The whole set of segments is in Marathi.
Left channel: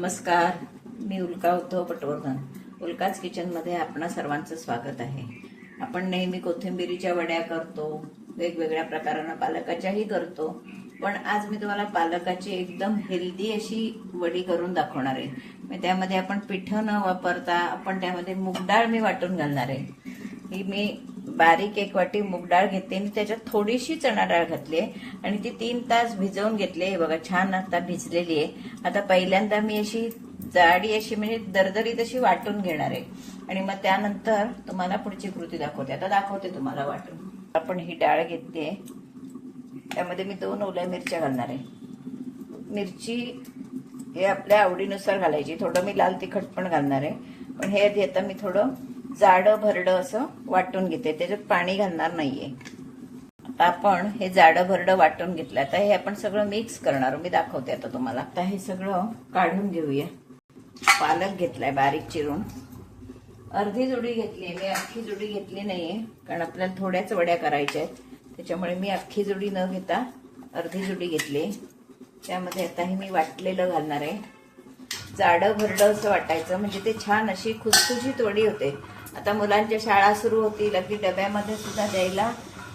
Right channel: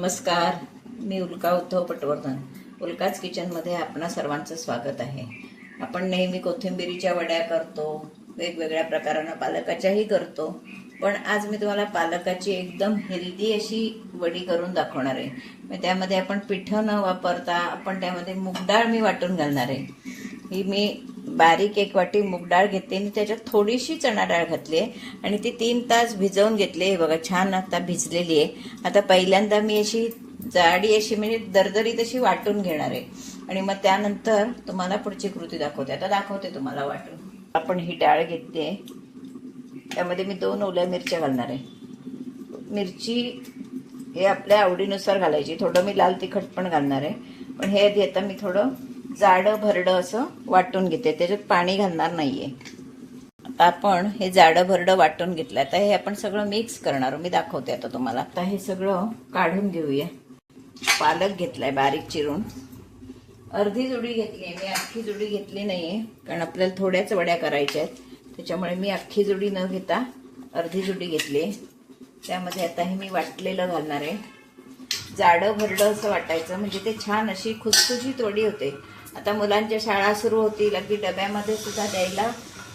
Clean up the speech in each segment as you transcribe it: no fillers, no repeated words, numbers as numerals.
नमस्कार, मी उल्का उद्धव पटवर्धन. उल्काच किचनमध्ये आपणा सर्वांचं स्वागत आहे. आपण नेहमी कोथिंबिरीच्या वड्या करतो, वेगवेगळ्या प्रकारानं पालकाच्याही करतो, पण आज मी तुम्हाला पालकाची एकदम हेल्दी अशी वडी करून दाखवणार आहे. मग त्यामध्ये आपण पिठं न वापरता आपण त्यामध्ये मूग डाळ मी वाटून घालणार आहे. ही मी बारीक 1 वाटी मूग डाळ घेतली आणि त्याच्यात थोडीशी चणा डाळ घातली आहे आणि ती 3 तास भिजवून घेतली आहे. बघा छान आता भिजलेली आहे. आता पहिल्यांदा मी अशी जाडी अशी म्हणजे दरदरीत अशी वाटून घेणार आहे आणि मग त्यानंतर तुम्हाला पुढची कृती दाखवते. आता दाखवते तुम्हाला वाटून. आपण ही डाळ घेतली आहे, त्यामध्ये मी 2 ओल्या मिरच्या घालणार आहे. मिरची हे आपल्या आवडीनुसार घालायची. थोडं मी लाल तिखट पण घालणार आहे, पण हे आधी आता मी थोडं जाडं भरडं असं वाटून घेते, त्याच्यात पाणी घालणार नाहीये. आता आपण हे जाडं भरडं वाटून घेतलं. आता हे आपण सगळं मिक्स करणार, मी दाखवते आता तुम्हाला. आता हे सगळं काढून घेऊया. पालक घेतलाय बारीक चिरून, अर्धी जुडी घेतली आहे मी, अख्खी जुडी घेतली नाहीये, कारण आपल्याला थोड्याच वड्या करायच्या आहेत, त्याच्यामुळे मी अख्खी जुडी न घेता अर्धी जुडी घेतली. त्यामध्ये आता हे मी वाटलेलं घालणार आहे. जाडं भरडं असं वाटायचं, म्हणजे ते छान अशी खुसखुशीत वडी होते. आता मुलांच्या शाळा सुरू होतील, अगदी डब्यामध्ये सुद्धा द्यायला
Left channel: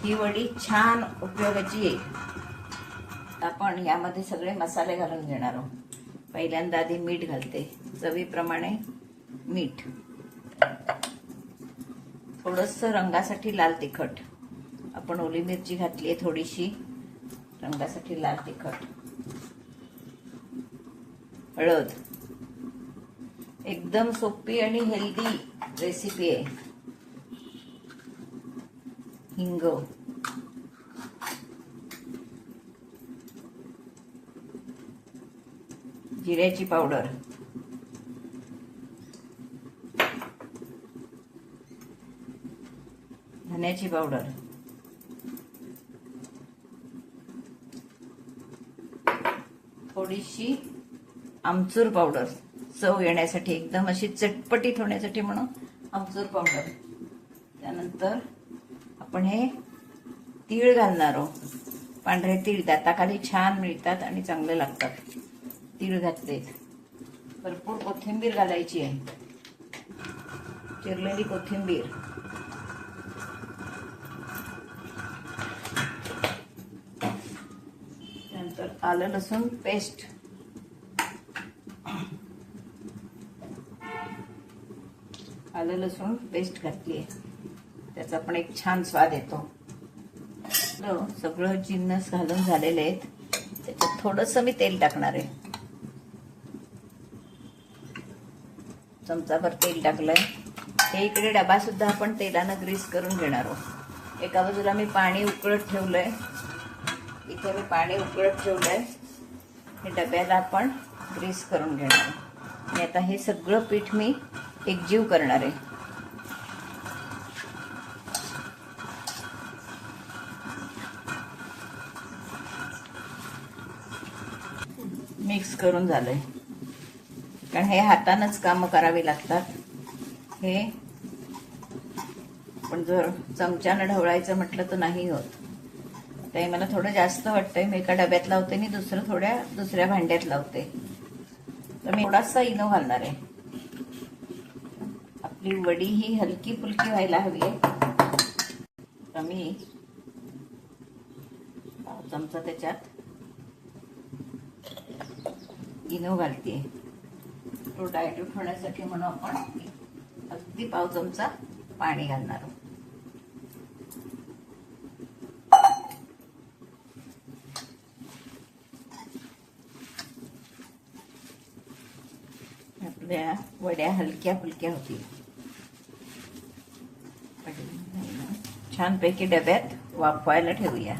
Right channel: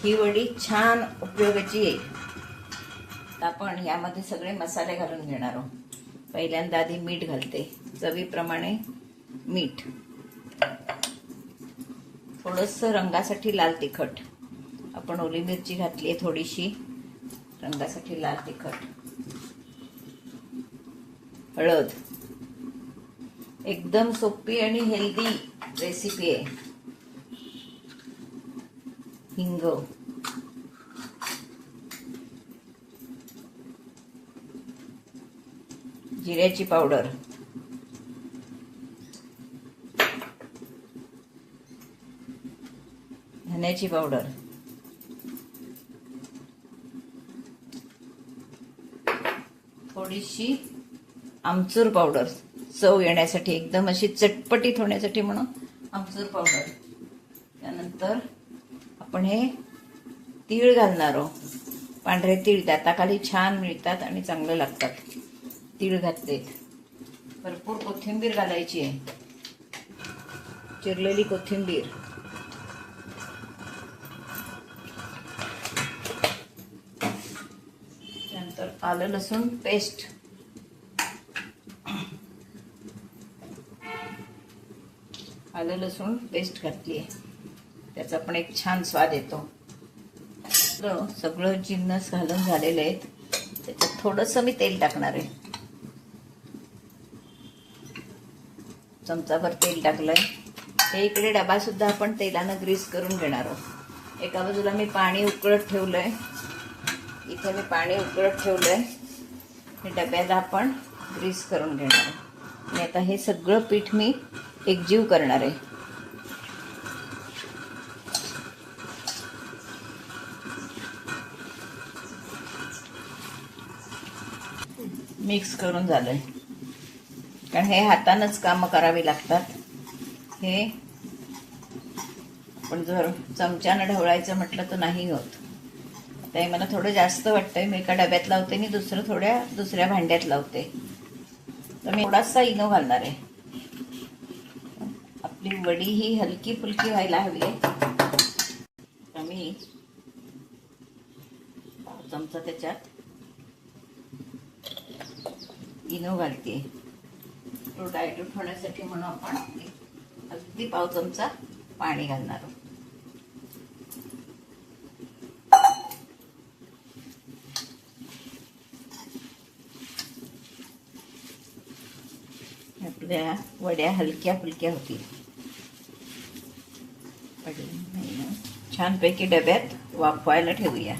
ही वडी छान उपयोगाची येईल. आपण यामध्ये सगळे मसाले घालून घेणार आहोत. पहिल्यांदा आधी मीठ घालते, चवीप्रमाणे मीठ, थोडंसं रंगासाठी लाल तिखट, आपण ओली मिरची घातली आहे थोडीशी रंगासाठी लाल तिखट, हळद. एकदम सोपी आणि हेल्दी रेसिपी आहे. हिंग, जिऱ्याची पावडर, धन्याची पावडर, थोडीशी आमचूर पावडर, चव येण्यासाठी, एकदम अशी चटपटीत होण्यासाठी म्हणून आमचूर पावडर. त्यानंतर आपण हे तीळ घालणार आहोत. पांढरे तीळ दाताखाली छान मिळतात आणि चांगले लागतात. तीळ घातलेत. भरपूर कोथिंबीर घालायची आहे, चिरलेली कोथिंबीर. त्यानंतर आलं लसूण पेस्ट, आलं लसूण पेस्ट घातली आहे, त्याचा पण एक छान स्वाद येतो. सगळं जिन्नस घालून झालेले आहेत. त्याच्यात थोडंसं मी तेल टाकणार आहे, चमचाभर तेल टाकलंय. हे इकडे डबा सुद्धा आपण तेलानं ग्रीस करून घेणार आहोत. एका बाजूला मी पाणी उकळत ठेवलंय, इथे मी पाणी उकळत ठेवलंय. हे डब्याला आपण ग्रीस करून घेणार आहे आणि आता हे सगळं पीठ मी एकजीव करणार आहे. मिक्स करून झालंय, कारण हे हातानंच कामं करावी लागतात. हे पण जर चमच्यानं ढवळायचं म्हटलं तर नाही होत. आता हे मला थोडं जास्त वाटतंय, मी एका डब्यात लावते आणि दुसऱ्या भांड्यात लावते. तर मी थोडासा इनो घालणार आहे. आपली वडी ही हलकी फुलकी व्हायला हवी आहे. तर मी चमचा त्याच्यात इनो घालते. तो डायल्यूट होण्यासाठी म्हणून आपण अगदी पाव चमचा पाणी घालणार आहोत. आपल्या वड्या हलक्या फुलक्या होतील. छानपैकी डब्यात वाफवायला ठेवूया.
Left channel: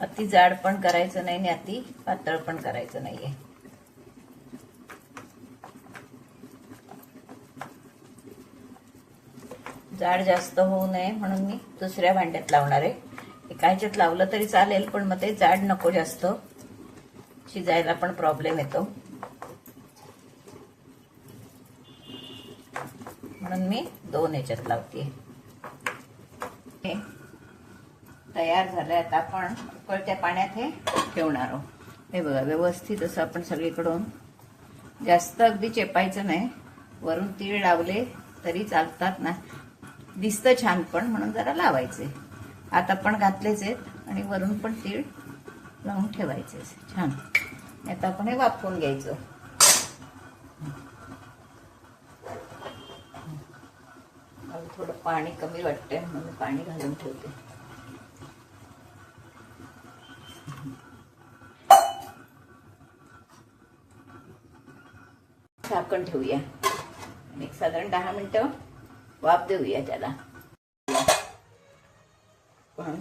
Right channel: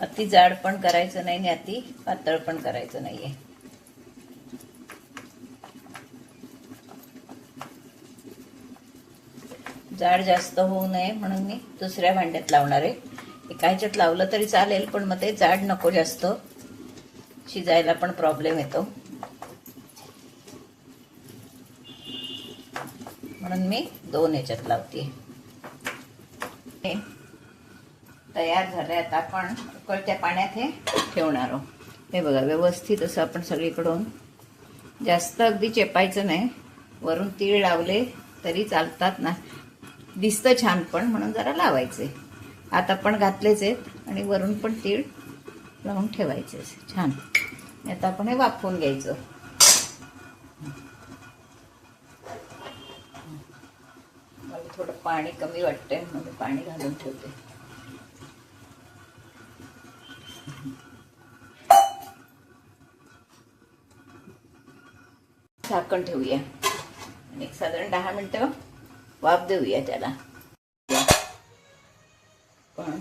अति जाड पण करायचं नाही आणि अति पातळ पण करायचं नाहीये. जाड जास्त होऊ नये म्हणून मी दुसऱ्या भांड्यात लावणार आहे. एका ह्याच्यात लावलं तरी चालेल, पण मग ते जाड नको, जास्त शिजायला पण प्रॉब्लेम येतो, म्हणून मी 2 ह्याच्यात लावते. तयार झालं आहे. आता आपण उकळत्या पाण्यात हे ठेवणार आहोत. हे बघा, व्यवस्थित असं आपण सगळीकडून, जास्त अगदी चेपायचं नाही. वरून तीळ लावले तरी चालतात ना, दिसतं छान, पण म्हणून जरा लावायचे. आता आपण घातलेच आहेत आणि वरून पण तीळ लावून ठेवायचे छान. आता आपण हे वाफवून घ्यायचं. मला थोडं पाणी कमी वाटतंय म्हणून पाणी घालून ठेवते. झाकण ठेवूया आणि एक साधारण 10 मिनिटं वाफ देऊया त्याला. पण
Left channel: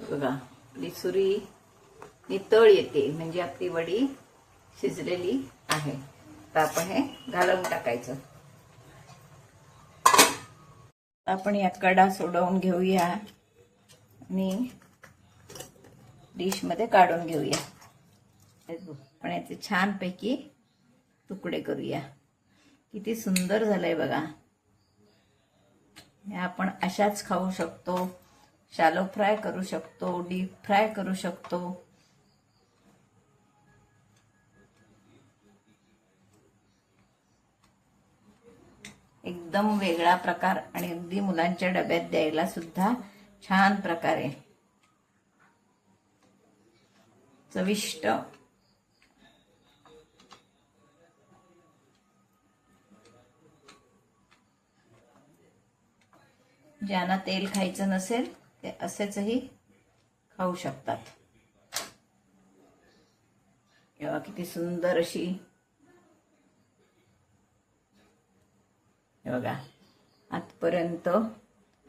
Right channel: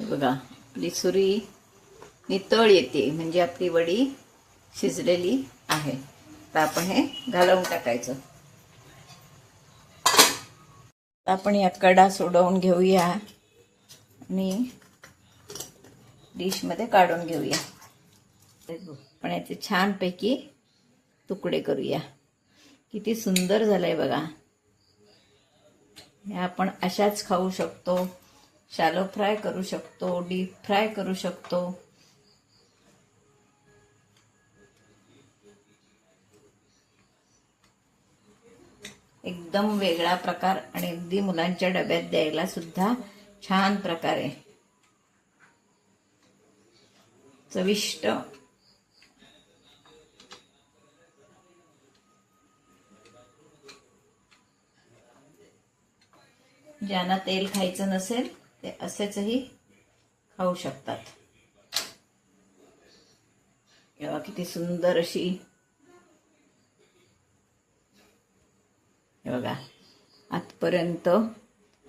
बघा, आपली सुरी नितळ येते म्हणजे आपली वडी शिजलेली आहे. तर आपण हे घालवून टाकायचं. आपण या कडा सोडवून घेऊया आणि डिशमध्ये काढून घेऊया. पण याचे छानपैकी तुकडे करूया. किती सुंदर झालंय बघा. हे आपण अशाच खाऊ शकतो, शॅलो फ्राय करू शकतो, डीप फ्राय करू शकतो. एकदम वेगळा प्रकार आणि अगदी मुलांच्या डब्यात द्यायला सुद्धा छान प्रकारे चविष्ट. ज्यांना तेल खायचं नसेल ते असेचही खाऊ शकतात. तेव्हा किती सुंदर अशी, बघा, आतपर्यंत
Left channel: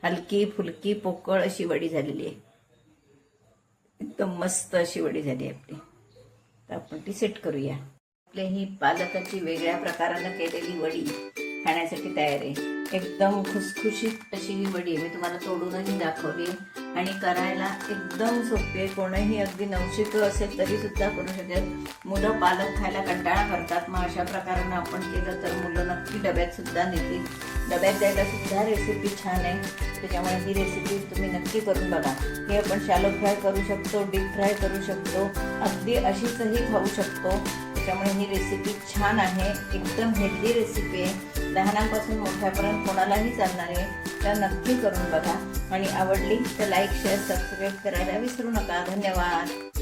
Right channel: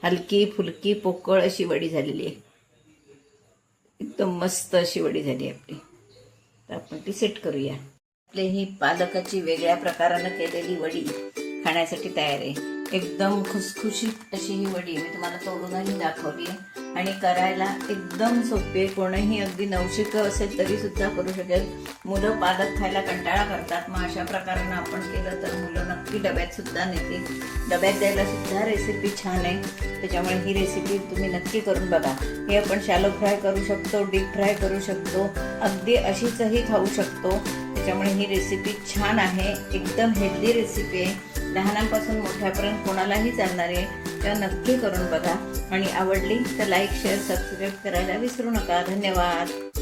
हलकी फुलकी पोकळ अशी वडी झालेली आहे. एकदम मस्त अशी वडी झाली आपली. तर आपण ती सेट करूया. आपली ही पालकाची वेगळ्या प्रकारानं केलेली वडी खाण्यासाठी तयार आहे. एकदम खुसखुशीत अशी ही वडी मी तुम्हाला तोडूनही दाखवली आणि करायला एकदम सोपी आहे. कोणीही अगदी नवशिकं असेल तरी सुद्धा करू शकेल. मुलं पालक खायला कंटाळा करतात, मग अशा प्रकारानं आपण केलं तर मुलं नक्की डब्यात सुद्धा नेतील. डब्यात द्यायला सुद्धा रेसिपी छान आहे. त्याच्यामुळे ही रेसिपी तुम्ही नक्की करून बघा. हे आपण शॅलो फ्राय करू शकतो, डीप फ्राय करू शकतो, अगदी अशीचही खाऊ शकतो. त्याच्यामुळे ही रेसिपी छान आहे. एकदम हेल्दी रेसिपी आहे. लहानांपासून मोठ्यापर्यंत कोणालाही चालणार आहे. तर नक्की करून बघा आणि आवडली तर लाईक, शेअर, सबस्क्राईब करायला विसरू नका. धन्यवाद.